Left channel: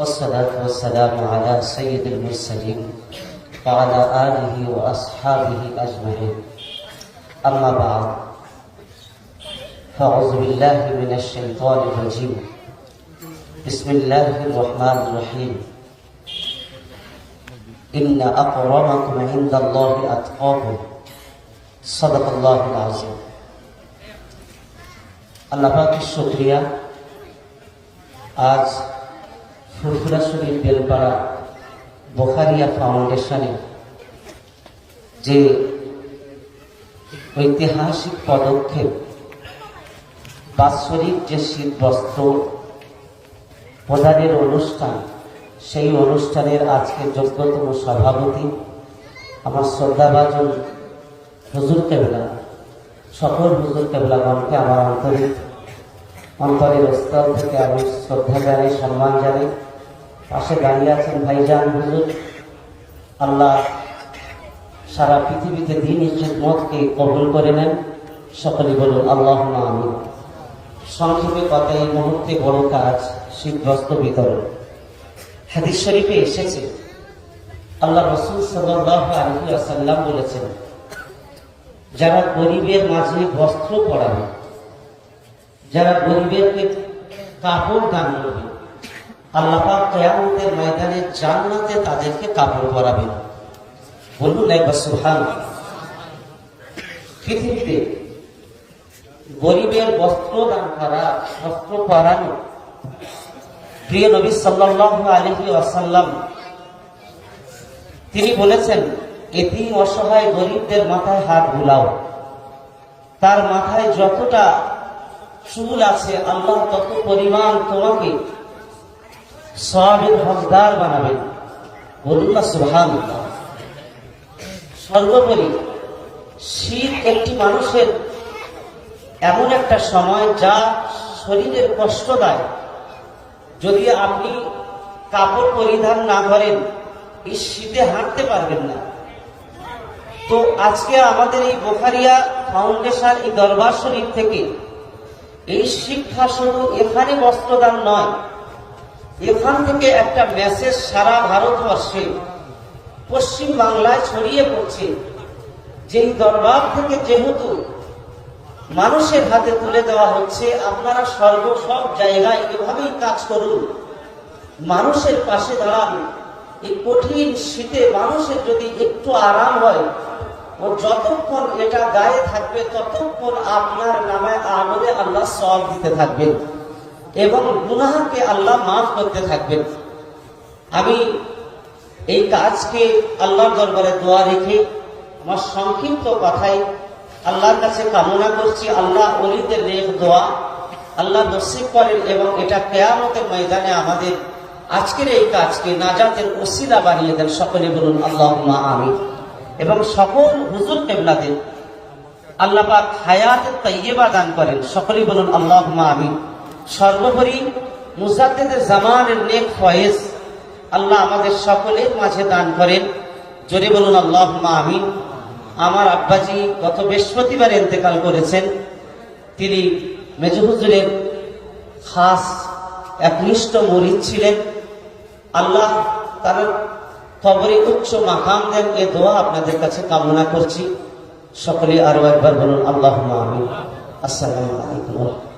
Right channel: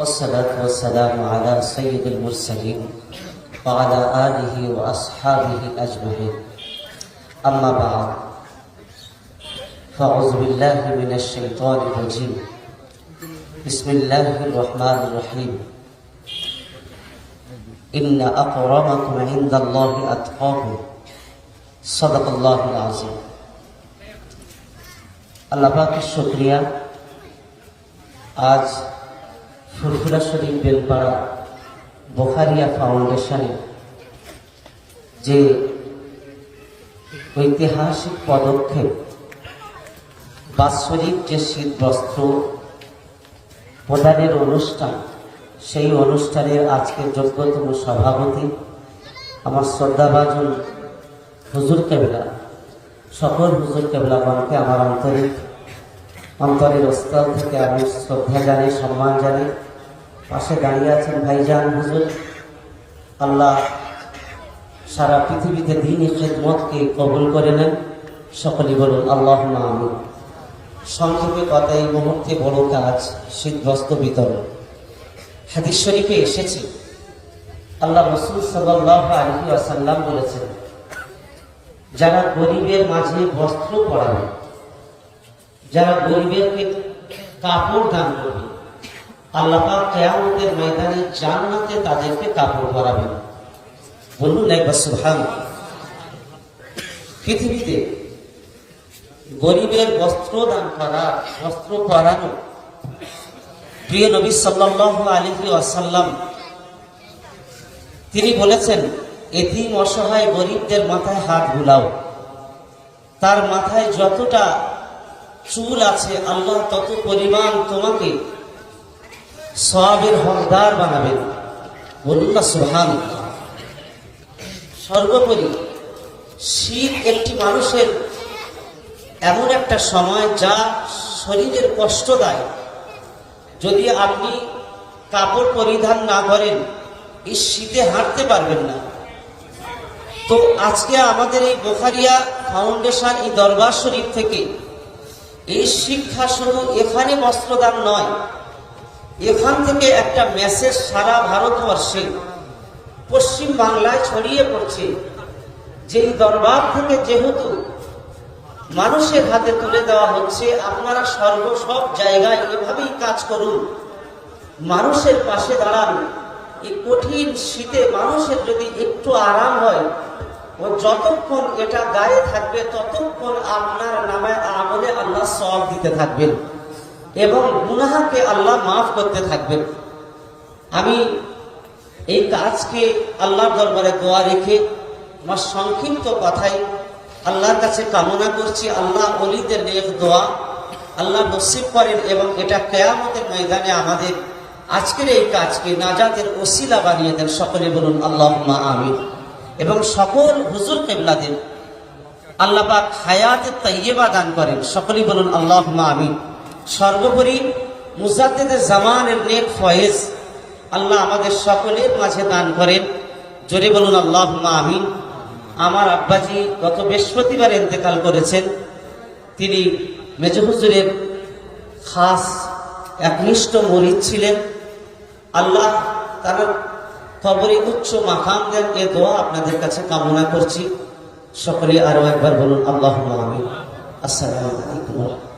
والصلاة والسلام على سيد المرسلين وعلى آله وأصحابه أجمعين أما بعد فأعوذ بالله من الشيطان الرجيم بسم الله الرحمن الرحيم إن أكرمكم عند الله أتقاكم صدق الله العظيم আল্লাহ পাকের শুক্রিয়া আজ ফুরফুরা শরীফ বেলপাড়া বোখারিয়া ফাউন্ডেশনে যে ঐতিহাসিক পদক্ষেপ, বাৎসরিক যে শীত বস্ত্র প্রদানের অনুষ্ঠান, সেই অনুষ্ঠানের আজকের যোগ্যতম সভাপতি আমার শ্রদ্ধাভাজন হুজুর কেবলা। সকল হুজুর কেবলাগণকে আমার আন্তরিক অন্তরের স্থল থেকে আমি শ্রদ্ধা জানাই, সম্মান জানাই। পাশে দাঁড়িয়ে আছেন ভাইজান, হুজুর। আল্লাহ সারা পৃথিবীতে দিনই খেদমতকে কবুল করে নেন। সকলে বলুন আল্লাহ আমি সংক্ষেপে কথা এই মুহূর্তে বড় কাজ, শীতগ্রস্ত বিতরণ। হাদিস শরীফে এসেছে, আল্লাহ রসুল সাল্লাহ আলহি আসাল্লাম বলেছেন, যারা গরিবের মাঝে বস্ত্র পরাবে যারা গরিবের কাপড় দান করবে গরিবের বস্ত্র দান করা, বস্ত্র পরানো, প্রিয় নবী সাল্লাল্লাহু আলাইহি ওয়াসাল্লাম, তিনি বলেছেন এতিম অসহায় গরিবদের মাথায় হাত বুলাও। তার মাথায় যতটা চুল আছে, আল্লাহ তত পরিমাণ তোমাকে সওয়াবের হকদার বানাবেন। বলুন না সুহান সর্বোপরি শীত একটি মানুষের এমন একটা সময় যা শরীরের কষ্ট দেয়। যদি আপনি কাপড় পরিধান না করেন, এই শীতে হাঁটতে পারবেন না। তো আজকে আমাদের এই বোখারিয়া ফাউন্ডেশন, এই দরবার শরীফ থেকে এই শিক্ষা শুরু এখানে বস্ত্রদান নয় এখান থেকে একটা মেসেজ সারা ভারতবর্ষে পশ্চিম বাংলায় ছড়িয়ে পড়ছে। যে এই দরবার থেকে যেহেতু মানুষের হাতে তুলে দেওয়া হচ্ছে, আপনারা সর্ব সব জায়গায় এভাবেই কাজ করুন। মানুষের পাশে দাঁড়ান। এই কঠিন শীতে মানুষের যদি একটু আরাম হয়, ও যতক্ষণ এটা গায়ে থাকবে, ততক্ষণ আপনার নামে আমলে আল্লাহ সল দিতে থাকবেন। এবং গুনাহাকে আল্লাহ মাফ করতে থাকবেন। আমি এই কাজকে আল্লাহর দরবারে দোয়া রেখে আমার সংক্ষিপ্ত কথাই আল্লাহর কাছে কামনা করছি। আল্লাহ অলিদের নেক দোয়া আল্লাহ নসিব করেন এবং এটা কেয়ামতের ময়দানে আমাদের আজকের এই কাজকে নাজাতের ওসিলা বানিয়ে দেন। সকলে বলুন আল্লাহ আমিন। এবং সকল হুজুর কেবলাদের আল্লাহ পাক হায়াত তৈয়বা দান করেন। সকলেই বলুন আল্লাহ আমিন। সর্বোপরি মুজাদ্দেদের জামানের নেক ফয়েজ আল্লাহ আমাদের সকলের মাঝে দান করেন। জোরে বলুন আল্লাহ আমিন। আমার আব্বাজি গত বৃহস্পতিবার ইন্তেকাল করেছেন। তিনি মেজহুজুরের খাস একনিষ্ঠ মরিদ ছিলেন। আল্লাহ তার খবরে উচ্চ মাকাম দেন। এ দোয়া আপনাদের কাছে কামনা করছি। সকলে আরও একবার বলুন আল্লাহ আমিন। আসসালামু আলাইকুম।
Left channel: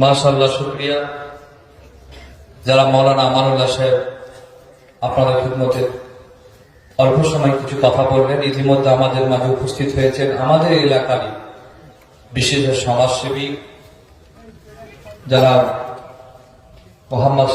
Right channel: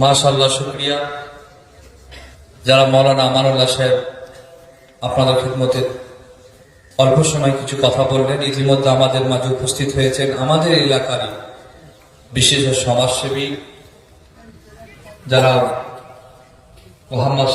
মাশাল্লাহ শুক্রিয়া। যারা মৌলানা আমানুল্লাহ সাহেব আপনাদের খেদমতে অল্প সময় কিছু কথা বললেন, ইতিমধ্যে আমাদের মাঝে উপস্থিত হয়েছেন আমাদের এলাকারই বিশেষ সমাজসেবী যারা মোহাম্মদ